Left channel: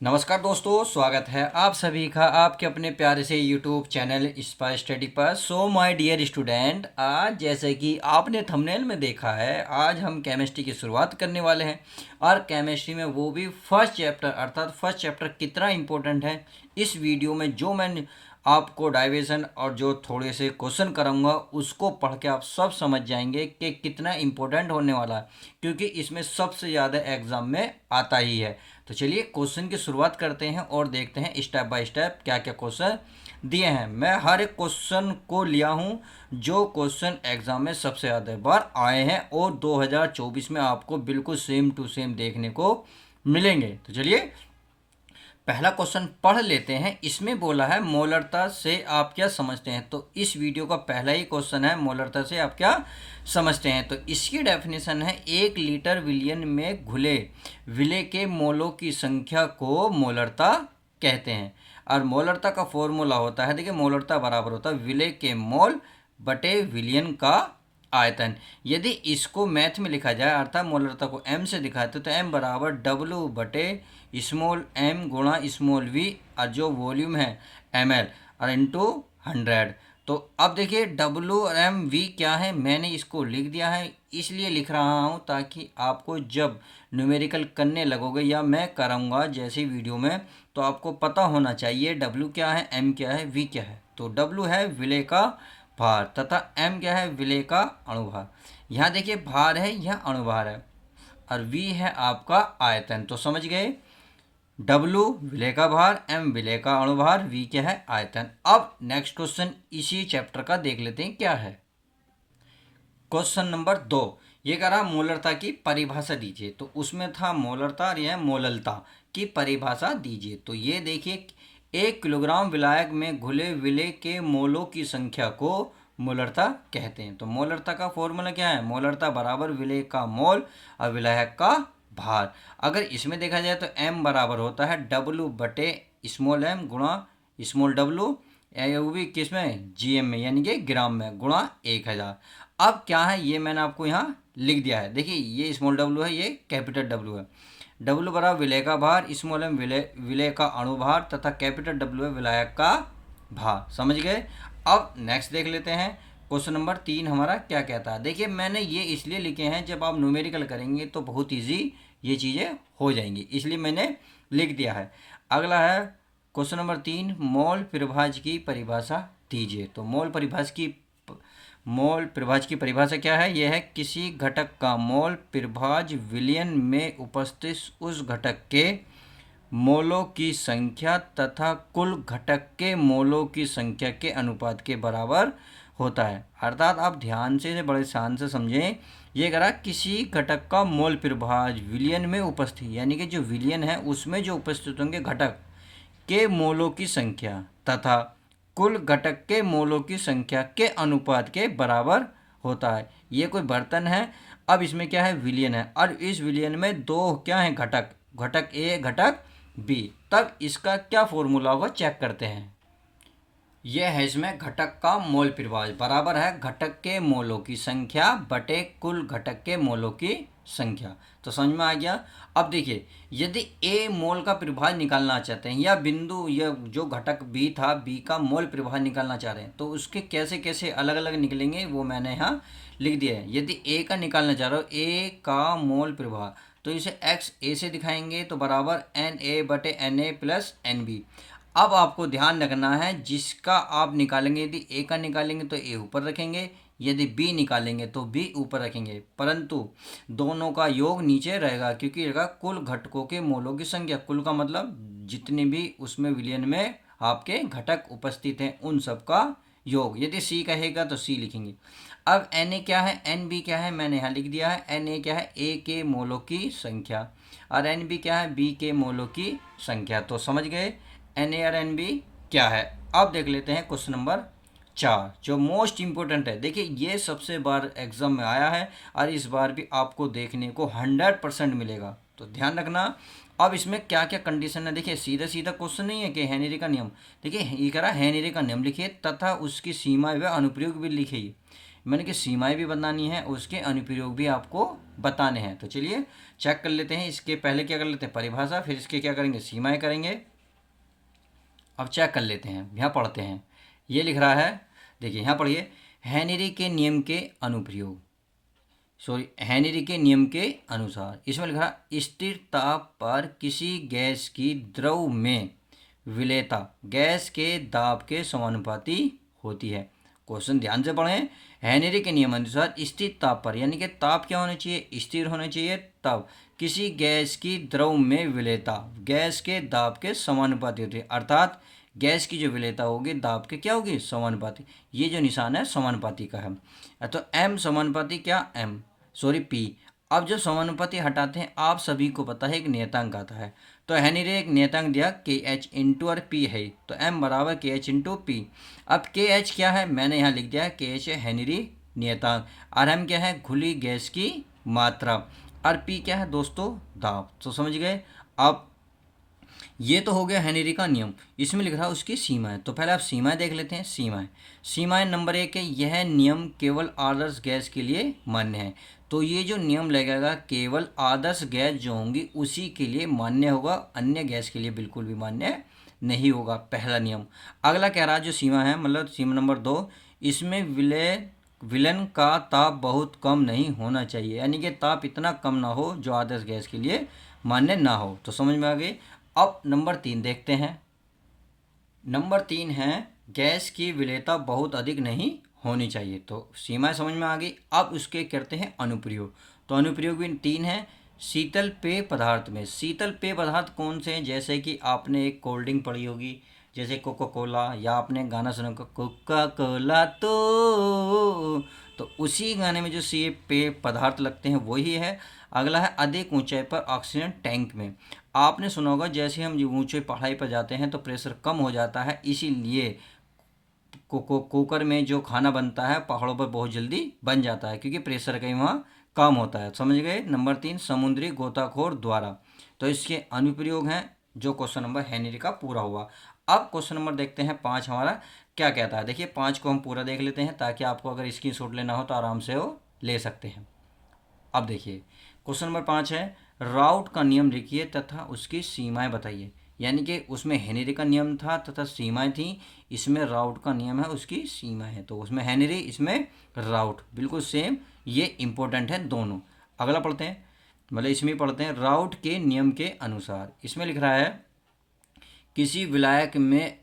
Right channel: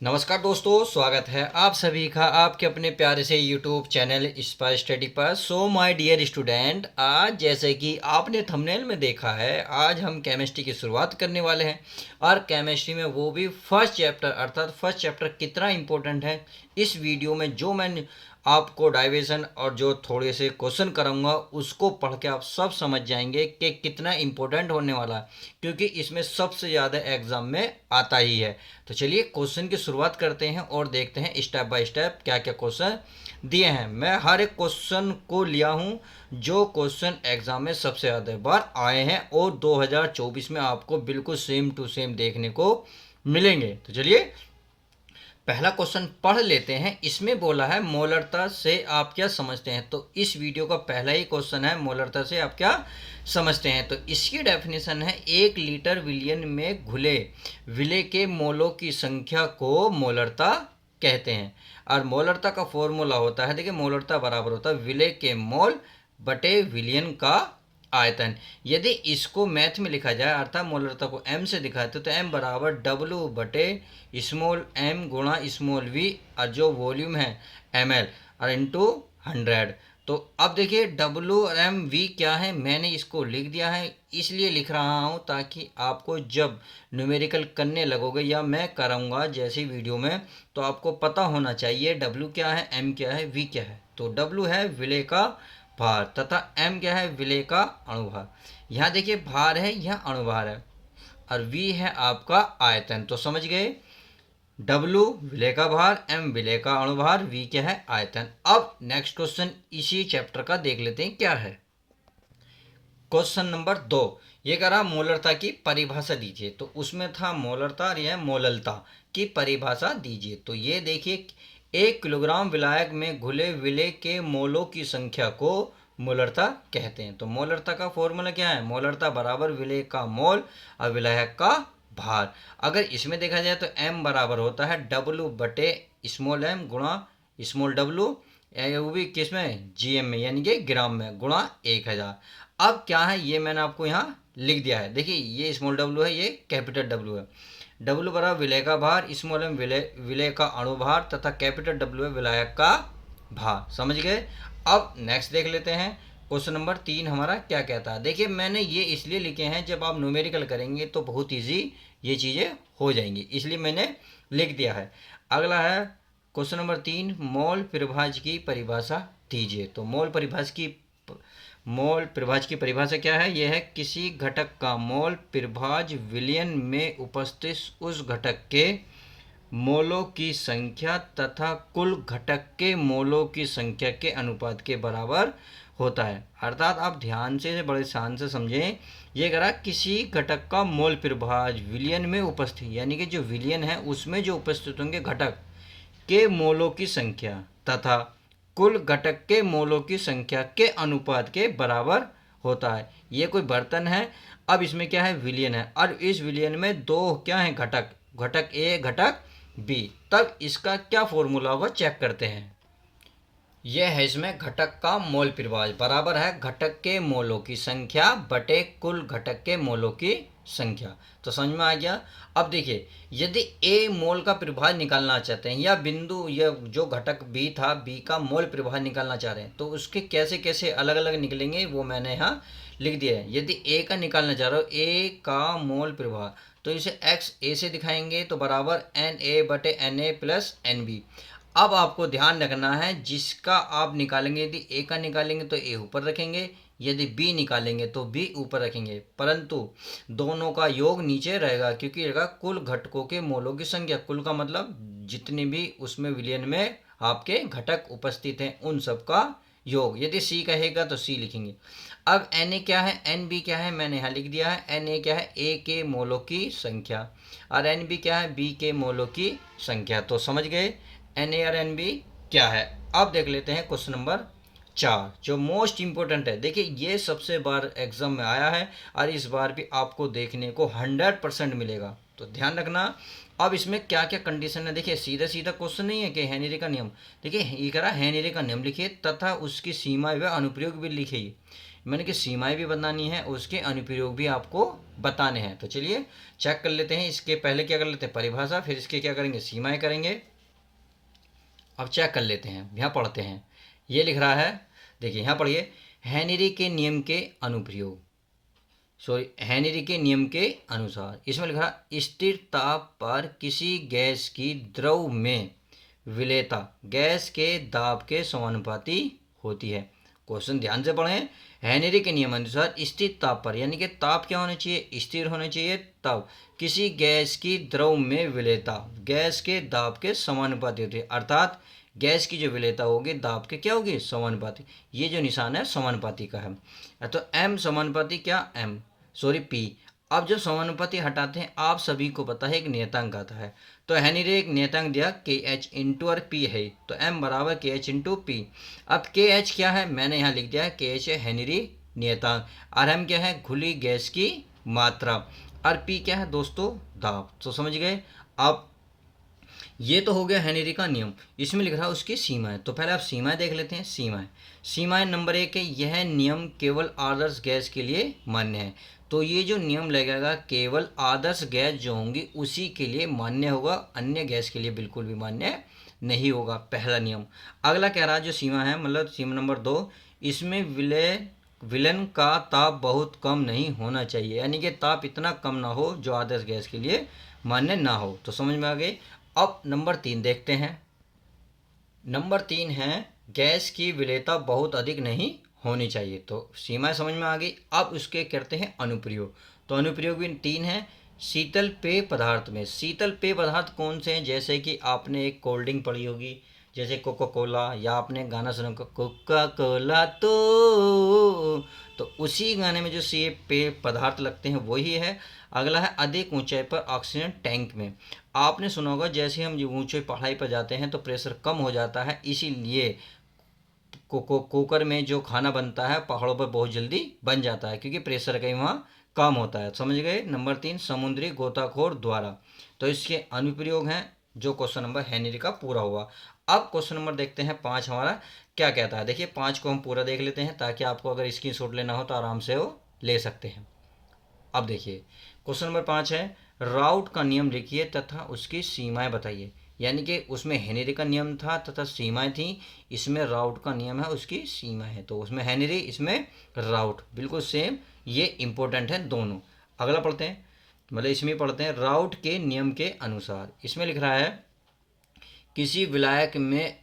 नमस्कार दोस्तों, स्वागत है आप सभी का आपके अपने प्यारे से यूट्यूब चैनल स्पाई स्टडी पर। सो माय डियर स्टूडेंट, आज जैसे कि आपने थंबनेल में देखा है, आज हम केमिस्ट्री की शुरुआत करने वाले हैं। और केमिस्ट्री में वो भी फर्स्ट चैप्टर, अर्थात फर्स्ट चैप्टर कितना इम्पोर्टेंट है, इस वीडियो में जो मैं आपको डाइवेशन और जो थोड़े से क्वेश्चन कराऊंगा उसको पढ़ के आप सब समझ जाएंगे कि कितना इम्पोर्टेंट होने वाला है, क्योंकि इसमें सबसे ज़्यादा एग्जाम में आता ही है। तो चलिए क्वेश्चन की शुरुआत करते हैं और देखते हैं स्टेप बाय स्टेप क्या क्या क्वेश्चन दिए हैं। मैं हर एक क्वेश्चन को लिया हूँ जो क्वेश्चन एग्जाम में सबसे ज़्यादा बार आए हैं और 2024 में आपको बिल्कुल सेम टू सेम देखने को मिलेंगे। तो चलिए पहला क्वेश्चन पढ़ लेते हैं। इसमें बोला है मोलरता से आप क्या समझते हैं। तो इस वीडियो का पहला ही क्वेश्चन है, मोलरता से आप क्या समझते हैं। तो इसकी डेफिनेशन है, 1 लीटर विलियन में घुले विलेय के मोलों की संख्या को मोलरता कहते हैं। और मोलरता का फॉर्मूला होता है, देखिए मोलरता बराबर होता है विलेय के मोल बटे विलियन का आयतन। यदि इसको मैथ में लिखा जाए, अर्थात मोलरता को m से दिखाते तो m बराबर W बटे स्मॉल m गुणा स्मॉल v, और जो वॉल्यूम है ml और इंटू 100। तो अब देखिए W और m v क्या है, मैंने इसको लिख दिया है, इसलिए लिख रहा हूँ ताकि आपको जब न्यूमेरिकल करने लगोगे या मैं कराऊंगा जैसी वीडियो में, तो आपको पता होना चाहिए W क्या है, m क्या है, v क्या है। तो W है विलेय का भार तथा m क्या है, विलेय का अणुभार। यहाँ देखिए भार है, यहाँ अणुभार है, और v है आपका आयतन। तो समझ गए, W विलेय का भार, m विलेय का अणुभार, v क्या है, आयतन। अब नेक्स्ट क्वेश्चन इसी चैप्टर का देख लेते हैं क्या है। क्वेश्चन नंबर 2 ये करा मोलरता की परिभाषा दीजिए। तो उसमें था मोलरता और यह मोललता की परिभाषा दीजिए। तो ये देखिए 1 किलोग्राम विलायक में घुले विलेय के मोलों की संख्या को मोलरता कहते हैं। तो मोलरता का फॉर्मूला क्या है, मोलरता बराबर विलेय का मोल और विलायक का भार। अगर इसमें देखा जाए तो m बराबर होता है W बटे स्मॉल m गुणा स्मॉल w, वो भी किस में, GM में, यानी कि ग्राम में, गुणा 1000। अब क्या है ये मैंने आपको यहाँ लिख दिया है। देखिए ये स्मॉल W है, ये कैपिटल W है। W बराबर विलेय का भार, स्मॉल m विलेय का अणुभार तथा कैपिटल W है विलायक का भार। समझ गए। अब नेक्स्ट देख लेते हैं। क्वेश्चन नंबर 3 हमारा क्या कहता है। देखिए मैंने ये इसलिए लिखे हैं, जब आप न्यूमेरिकल करेंगे तो बहुत ईजी ये चीज़ें हो जाएंगी, इसलिए मैंने लिख दिया है। अगला है क्वेश्चन नंबर 3, मोल परिभाज्य की परिभाषा दीजिए। तो मोल परिभाज्य की परिभाषा क्या है, यह है किसी घटक का मोल परिभाज्य विलयन में उपस्थित उस घटक के मोलों की संख्या तथा कुल घटक के मोलों की संख्या के अनुपात के बराबर होता है। अर्थात आप ध्यान से बड़े ध्यान से समझें, ये करा किसी घटक का मोल परिभाज्य विलयन में उपस्थित, यानी कि जो विलयन है उसमें जो उपस्थित होंगे घटक के मोलों की संख्या तथा कुल घटक के मोलों की संख्या के अनुपात के बराबर होता है। ये कोई बर्तन है, अब इसमें क्या है, विलयन है, और इस विलयन में दो क्या है घटक, घटक ए घटक बी। तब इसका क्या फॉर्मूला होगा चेक करते हैं। यह है इसमें घटक का मोल परिभाज्य बराबर है घटक के मोलों की संख्या बटे कुल घटक के मोलों की संख्या। तो समझ में आ गया। अब देखिए यदि ए मोल का परिभाज्य निकालना चाहते हैं, या बिंदु या जो घटक बी था, बी का मोल परिभाज्य निकालना चाह रहे हैं, तो उसके कैसे कैसे अलग अलग निकलेंगे वो मैंने यहाँ लिख दिया है। यदि ए का निकालना चाह रहे हो, ए का मोल परिभाज्य, तो इसे एक्स ए से दिखाएंगे तो बराबर एन ए बटे N A plus N B. अब आपको ध्यान रखना है, जिसका आप निकालेंगे, यदि ए का निकालेंगे तो ए ऊपर रखेंगे, यदि बी निकालेंगे तो बी ऊपर रखेंगे, परंतु दोनों का योग नीचे रहेगा, क्योंकि रहेगा कुल घटकों के मोलों की संख्या। कुल का मतलब जितने भी उसमें विलयन में आपके घटक उपस्थित हैं उन सब का योग। यदि सी कहेगा तो सी लिखेंगे। अब एन ए क्या है, एन बी क्या है, मैंने यहाँ लिख दिया है। एन ए क्या है, ए के मोलों की संख्या, और एन बी क्या है, बी के मोलों की संख्या। तो समझ गए एन ए और एन बी क्या है। अब देख लेते हैं क्वेश्चन नंबर 4 जो मोस्ट इंपॉर्टेंट है। देखिए ये सबसे बार एग्जाम में आया है और इस बार भी आपको देखने को 100% मिलेगा, तो ध्यान रखना। अब इसमें क्या क्या कंडीशन है, देखिए सीधा सीधा क्वेश्चन नहीं है कि हेनरी का नियम। देखिए ये कह रहा है हेनरी का नियम लिखिए तथा उसकी सीमाएं व अनुप्रयोग भी लिखिए। मैंने कि सीमाएं भी बतानी है, उसके अनुप्रयोग भी आपको बताने हैं। तो चलिए चेक कर लेते हैं। इसके पहले क्या कर लेते हैं, परिभाषा, फिर इसके क्या करेंगे, सीमाएं करेंगे। अब चेक कर लेते हैं, यहाँ पढ़ते हैं। ये लिख रहा है, देखिए यहाँ पढ़िए, हेनरी के नियम के अनुप्रयोग, सॉरी हेनरी के नियम के अनुसार। इसमें लिख रहा, स्थिर ताप पर किसी गैस की द्रव में विलेयता गैस के दाब के समानुपाती होती है। क्वेश्चन ध्यान से पढ़ें। हेनरी के नियम अनुसार स्थिर ताप पर, यानी कि ताप क्या होना चाहिए, स्थिर होना चाहिए, तब किसी गैस की द्रव में विलेयता गैस के दाब के समानुपाती होती है। अर्थात गैस की जो विलेयता होगी दाब के क्या होगी, समानुपाती। ये जो निशान है समानुपाती का है। तो एम समानुपाती क्या, एम सॉरी पी। अब जो समानुपाती हटाते हैं, आप सभी को पता है एक नियतांक आता है। तो हेनरी ने एक नियतांक दिया के एच इंटू और पी है, तो एम बराबर के एच इंटू पी। अब के एच क्या है, मैंने यहाँ लिख दिया है के एच है हेनरी नियतांक, और एम क्या है, खुली गैस की मात्रा, और पी क्या है दोस्तों, दाब। तो समझ गए। अब ये तो हो गया हेनरी का नियम। इसमें लिख रहा है उसकी सीमाएं, तो पहले आप सीमाएं देख लेते हैं। सीमाएं नंबर 1 है, यह नियम केवल आदर्श गैस के लिए मान्य है। तो ये जो नियम लगेगा केवल आदर्श गैस जो होंगी उसी के लिए मान्य होगा, अन्य गैस के लिए बिल्कुल भी मान्य नहीं होगा, पहला नियम। अगला कह रहा है जो सीमा है, मतलब सीमा नंबर 2, इसमें विलन का ताप बहुत कम नहीं होना चाहिए, यानी कि ताप इतना कम ना हो जो आदर्श गैस के लिए मान्य ना हो। तो समझ में आ गई। अब नंबर 3 देखते हैं। नंबर 3 है, गैस की विलेयता बहुत अधिक नहीं होनी चाहिए। तो सीमाएं समझ में आ गई। अब उसके करते हैं अनुप्रयोग। तो अनुप्रयोग भी 3 है। शीतल पेय पदार्थ में, शीतल पेय पदार्थ कौन से हैं, जैसे कि आपने एक कोल्ड ड्रिंक पढ़ी होगी, जैसे कोका कोला, या आपने गाना सुना कोका कोला, तो उसी गाने में जो सी पेय पदार्थ लगते हैं वही है। अगला है अधिक ऊंचाई पर ऑक्सीजन टैंक में। आपने सुना होगा जैसे हम ऊंचे पढ़ाई पर जाते हैं तो प्रेशर कम हो जाता है, इसीलिए कुकर में जो खाना बनता है पहाड़ों पर बहुत जल्दी बन जाता है, क्योंकि प्रेशर कहीं वहाँ कम होता है। समझ गए। नंबर 3, समुद्री गोताखोर द्वारा। तो इसके अनुप्रयोग हैं, जो क्वेश्चन नंबर हेनरी का पूरा हुआ। अब क्वेश्चन नंबर देखते हैं 5 हमारा क्या कहता है। देखिए 5 को हम पूरा देख लेते हैं, ताकि आपको अगर स्क्रीनशॉट लेना हो तो आराम से वो ले सकते हैं। अब देखिए क्वेश्चन नंबर 5 है, राउट का नियम लिखिए तथा उसकी सीमाएं बताइए। यानी कि उसमें हेनरी का नियम था तथा सीमाएं थी, इसमें राउट का नियम है, उसकी सीमाएं है। तो उसमें हेनरी, इसमें राउट, बिल्कुल सेम, ये इंपॉर्टेंट है दोनों। अगला पढ़ते हैं, मतलब इसमें पढ़ते हैं, राउट के नियम के अनुसार। इसमें लिख रहा है, किसी विलायक में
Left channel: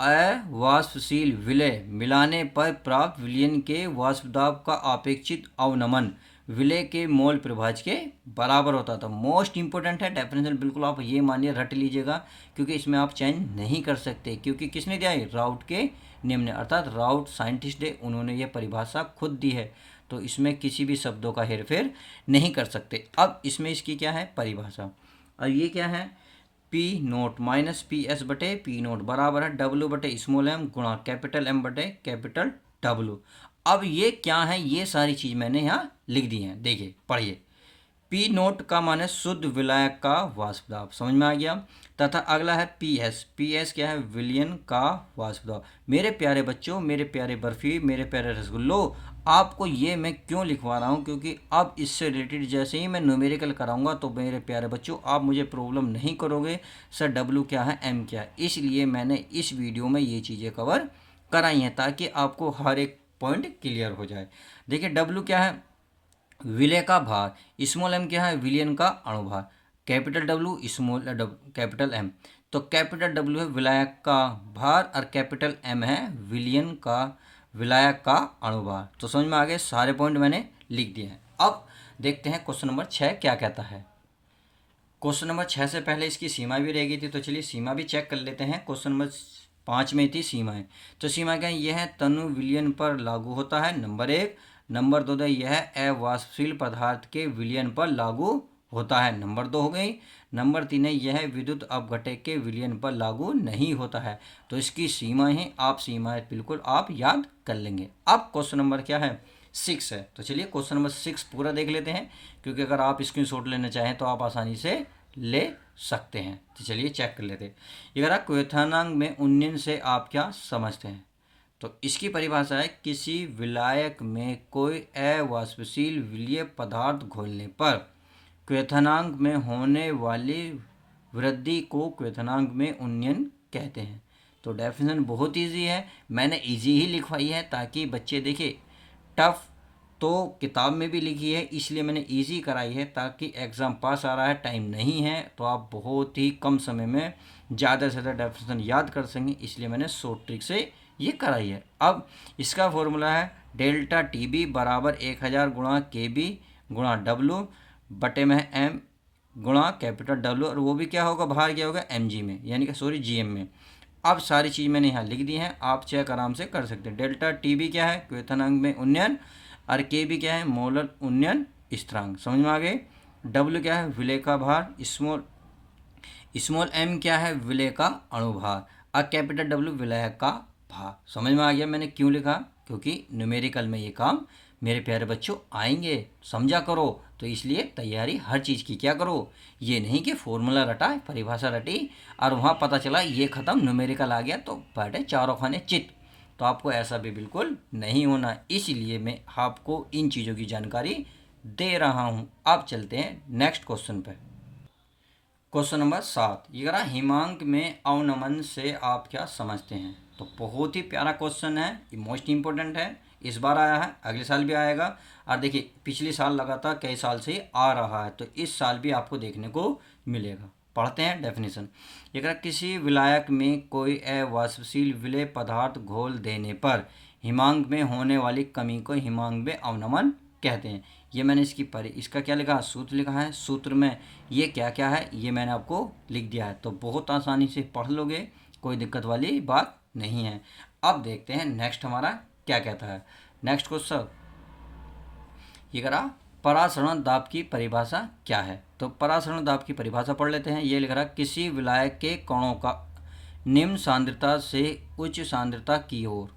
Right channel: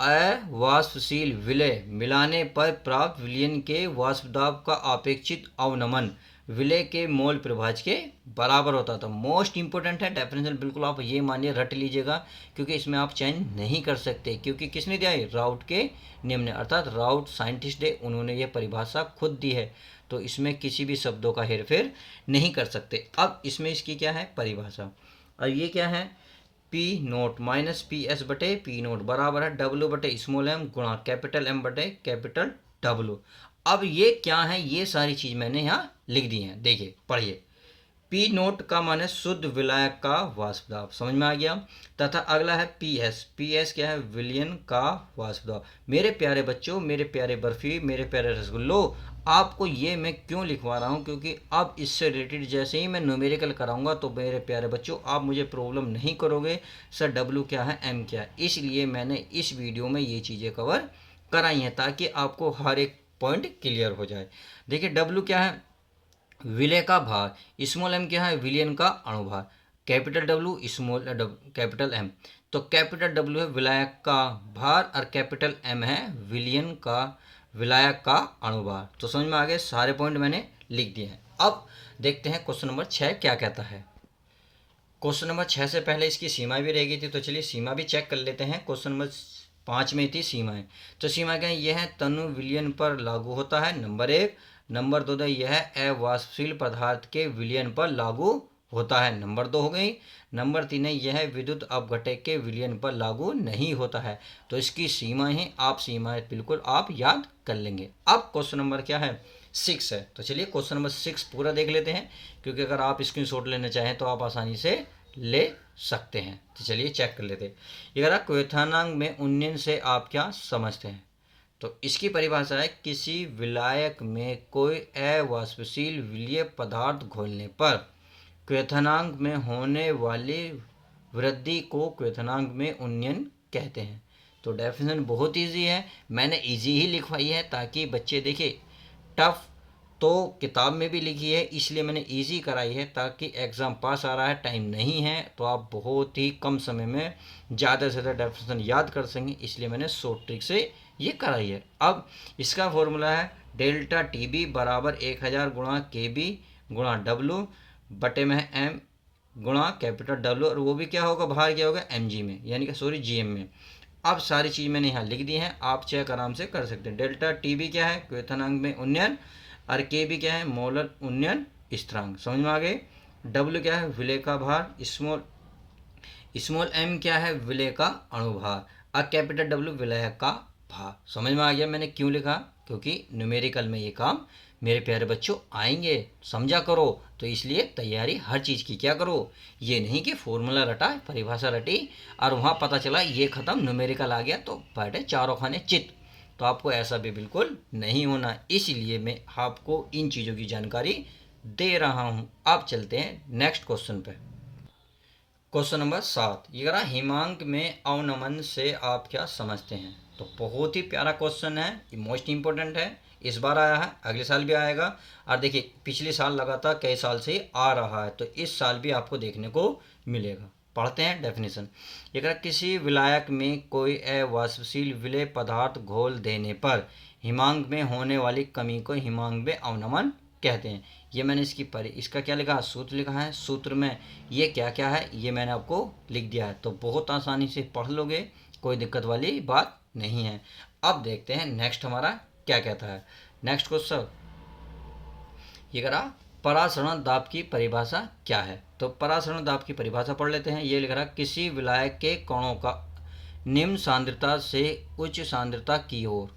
अवाष्पशील विलय मिलाने पर प्राप्त विलयन के वाष्पदाब का अपेक्षित अवनमन विलय के मोल प्रभाज के बराबर होता था। मोस्ट इंपोर्टेंट है डेफिनेशन, बिल्कुल आप ये मानिए रट लीजिएगा, क्योंकि इसमें आप चेंज नहीं कर सकते, क्योंकि किसने दिया है, राउट के नियम ने, अर्थात राउट साइंटिस्ट है, उन्होंने ये परिभाषा खुद दी है। तो इसमें किसी भी शब्दों का हेरफेर नहीं कर सकते। अब इसमें इसकी क्या है, परिभाषा। और ये क्या है, P note minus P S बटे पी नोट बराबर है डब्ल्यू बटे स्मॉल एम गुणा कैपिटल एम बटे कैपिटल डब्ल्यू। अब ये क्या है, ये सारी चीज़ मैंने यहाँ लिख दी है, देखिए पढ़िए। पी नोट का मान है शुद्ध विलायक का वाष्प दाब, समझ में आ गया। तथा अगला है पी एस, पी एस क्या है, विलयन का वाष्प दाब। मेरे प्यारे बच्चों, मेरे प्यारे बर्फी, मेरे प्यारे रसगुल्लो, आपको ये मैं क्यों लिखवा रहा हूँ, क्योंकि अब इससे रिलेटेड जैसे ही मैं न्यूमेरिकल कराऊंगा तो मेरे प्यारे बच्चों आप मुझे प्रॉब्लम नहीं करोगे, सर डब्ल्यू क्या है, एम क्या है। इसलिए मैंने इस वीडियो में ये चीज़ें कवर कराई हैं, ताकि आपको हर एक पॉइंट क्लियर हो जाए। देखिए डब्ल्यू क्या है, विलय का भार, स्मॉल एम क्या है, विलयन का अणुभार, capital W small capital M. तो कैपिटल डब्ल्यू है विलायक का भार और कैपिटल एम है विलयन का विलायक का अणुभार। तो समझ में आ गए, सारे पॉइंट मैंने लिख दिए हैं। अब देखते हैं क्वेश्चन नंबर 6 क्या कहता है। क्वेश्चन नंबर 6 से पहले इसकी सीमा भी रह गई थी, तो चलिए सीमा भी चेक कर लेते हैं। क्वेश्चन नंबर 5 में थी सीमाएं, तो सीमा क्या है, यह है तनु विलयन पर लागू होता है, नंबर 1। नंबर 2 यह अवाष्पशील पदार्थ के विलयन पर लागू होता है, नंबर 2 हो गई। नंबर 3 है, यह विद्युत अपघटक के विलयन पर लागू नहीं होता है। तो इसकी सीमाएं हैं, आप सीमाएं बिल्कुल आप याद कर लेंगे। अब क्वेश्चन नंबर क्या है, 6 है। तो चलिए क्वेश्चन नंबर 6 पूरा देख लेते हैं, क्योंकि अगर आप स्क्रीनशॉट लेना चाहें तो आप आसानी से ले सकते हैं। तो चलिए चेक कर लेते हैं। ये कह रहा क्वेथनांक में उन्नयन से आप क्या समझते हैं। तो इसकी परिभाषा है, किसी विलायक में कोई अवाष्पशील विलीय पदार्थ घोलने पर क्वथनांक में होने वाली वृद्धि को क्वथनांक में उन्नयन कहते हैं। तो डेफिनेशन बहुत इजी है, मैंने इजी ही लिखवाई है ताकि बच्चे देखें। टफ तो किताब में भी लिखी है, इसलिए मैंने इजी कराई है ताकि एग्ज़ाम पास आ रहा है, टाइम नहीं है, तो आप बहुत ही कम समय में ज़्यादा से ज़्यादा डेफिनेशन याद कर सकें, इसलिए मैंने शॉर्ट ट्रिक से ये कराई है। अब इसका फॉर्मूला है डेल्टा टी बी बराबर 1000 गुणा के बी गुणा डब्लू बटे में एम गुणा कैपिटल डब्लू, और वो भी क्या होगा, बाहर क्या होगा, एम जी में, यानी कि सॉरी जी एम में। अब सारी चीज़ मैंने यहाँ लिख दी है, आप चेक आराम से कर सकते हैं। डेल्टा टी बी क्या है, क्वथनांक में उन्नयन, और के बी क्या है, मोलर उन्नयन स्थिरांक, समझ में आ गए। डब्ल्यू क्या है, विलेय का भार, स्मॉल एम क्या है, विलेय का अणुभार, और कैपिटल डब्ल्यू विलेय का भार। समझ में आ गया मैंने क्यों लिखा, क्योंकि न्यूमेरिकल में ये काम मेरे प्यारे बच्चों आएंगे, समझा करो। तो इसलिए तैयारी हर चीज़ की क्या करो, ये नहीं कि फॉर्मूला रटा, परिभाषा रटी और वहाँ पता चला ये ख़त्म, न्यूमेरिकल आ गया तो बैठे चारों खाने चित। तो आपको ऐसा भी बिल्कुल नहीं होना, इसलिए मैं आपको इन चीज़ों की जानकारी दे रहा हूँ। अब चलते हैं नेक्स्ट क्वेश्चन पे। क्वेश्चन नंबर 7, ये कह रहा हिमांक में अवनमन से आप क्या समझते हैं। तो बहुत ही प्यारा क्वेश्चन है, ये मोस्ट इंपॉर्टेंट है, इस बार आया है, अगले साल भी आएगा, और देखिए पिछले साल लगातार कई साल से आ रहा है, तो इस साल भी आपको देखने को मिलेगा। पढ़ते हैं डेफिनेशन। ये कह रहा किसी विलायक में कोई अवाष्पशील विलेय पदार्थ घोल देने पर हिमांक में होने वाली कमी को हिमांक में अवनमन कहते हैं। ये मैंने इसका क्या लिखा, सूत्र लिखा है, सूत्र में ये क्या क्या है ये मैंने आपको लिख दिया है, तो बहुत आसानी से पढ़ लोगे, कोई दिक्कत वाली बात नहीं है। अब देखते हैं नेक्स्ट हमारा क्या कहता है। नेक्स्ट क्वेश्चन ये करा परासरण दाब की परिभाषा क्या है। तो परासरण दाब की परिभाषा पढ़ लेते हैं। ये लिख रहा किसी विलायक के कणों का निम्न सांद्रता से उच्च सांद्रता की ओर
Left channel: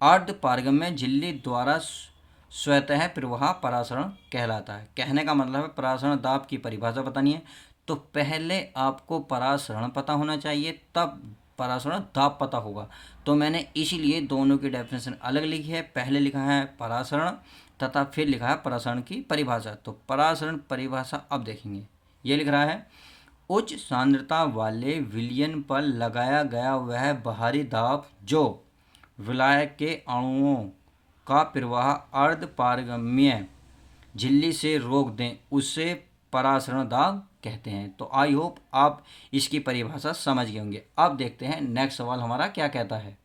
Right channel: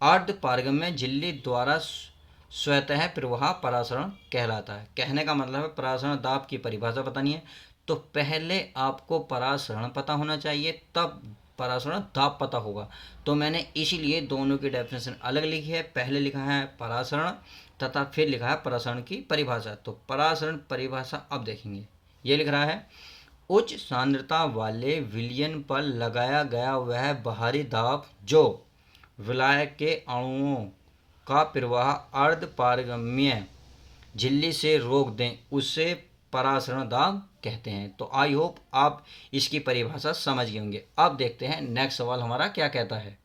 अर्ध पारगम्य झिल्ली द्वारा स्वतः प्रवाह परासरण कहलाता है। कहने का मतलब है परासरण दाब की परिभाषा बतानी है, तो पहले आपको परासरण पता होना चाहिए, तब परासरण दाब पता होगा। तो मैंने इसीलिए दोनों की डेफिनेशन अलग लिखी है, पहले लिखा है परासरण तथा फिर लिखा है परासरण की परिभाषा। तो परासरण परिभाषा अब देखेंगे। ये लिख रहा है उच्च सांद्रता वाले विलयन पर लगाया गया वह बाहरी दाब जो विलायक के अणुओं का प्रवाह अर्ध पारगम्य झिल्ली से रोक दें, उसे परासरण दाब कहते हैं। तो आई होप आप इसकी परिभाषा समझ गए होंगे। अब देखते हैं नेक्स्ट सवाल हमारा क्या कहता है।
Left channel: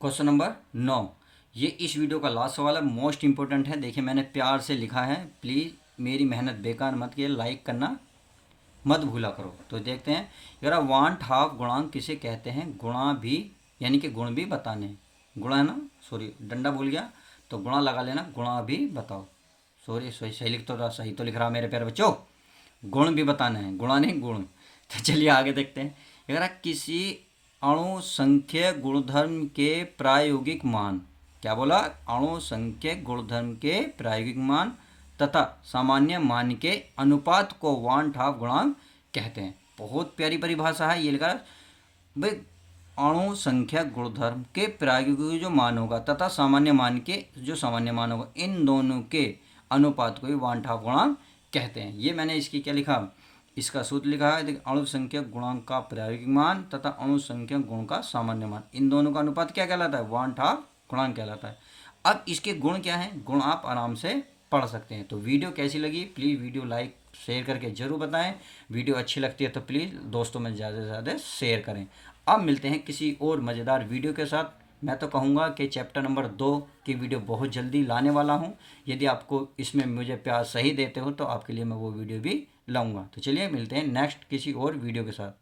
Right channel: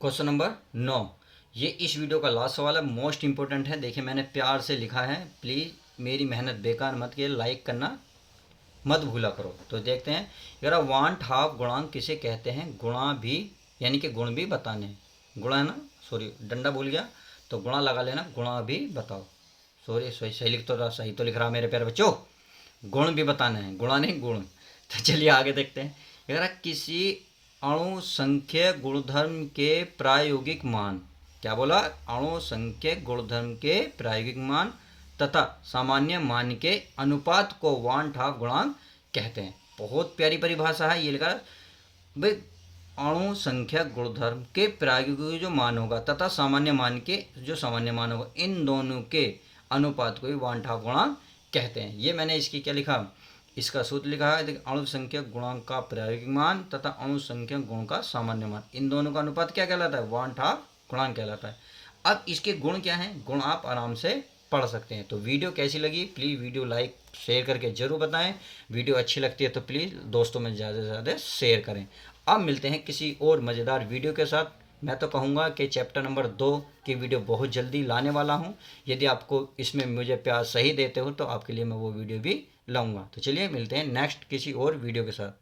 क्वेश्चन नंबर 9, ये इस वीडियो का लास्ट सवाल है, मोस्ट इंपॉर्टेंट है। देखिए मैंने प्यार से लिखा है, प्लीज़ मेरी मेहनत बेकार मत किए, लाइक करना मत भूला करो। तो देखते हैं, यार वांट हाफ गुणांक किसे कहते हैं, गुणा भी यानी कि गुण भी बताने, गुणा है ना, सॉरी डंडा भूल गया, तो गुणा लगा लेना, गुणा भी बताओ, सॉरी सही लिख तो रहा, सही तो लिख रहा मेरे प्यारे बच्चों, गुण भी बताना है, गुणा नहीं गुण। तो चलिए आगे देखते हैं। यार किसी अणु संख्य गुणधर्म के प्रायोगिक मान, क्या बोला, अणु संख्य गुणधर्म के प्रायोगिक मान तथा सामान्य मान के अनुपात को वांट हाफ गुणांक कहते हैं। बहुत प्यारी परिभाषा है। ये लिखा भाई अणु संख्या गुणधर्म के प्रायोगिक जो मान होगा तथा सामान्य मान के जो सामान्य मान होगा, इन दोनों के अनुपात को ही वांट हाफ गुणांक कहते हैं। ये मैंने इसकी क्या लिखा, इसका सूत्र लिखा है, देखिए अणु संख्या गुणांक का प्रायोगिक मान तथा अणु संख्या गुण का सामान्य मान, इन दोनों का अनुपात क्या कहलाता है, वांट हाफ गुणांक कहलाता है। अब इसके गुण क्या हैं, गुण आप आराम से पढ़ सकते हैं। तो वीडियो कैसी लगी प्लीज़ वीडियो लाइक शेयर करके ज़रूर बताएं। वीडियो अच्छी लगती है तो प्लीज़ दोस्तों में ज़्यादा से ज़्यादा शेयर करें। अब मिलते हैं किसी और मज़ेदार वीडियो के साथ। मैं तो कहूँगा कि चैप्टर नंबर 2 की वीडियो बहुत जल्दी लाने वाला हूँ। यदि आपको इसमें मुझे प्यार सही देते हो तो आपके लिए मैं वो वीडियो भी लाऊंगा। तो चलिए मिलते हैं नेक्स्ट किसी और वीडियो के साथ।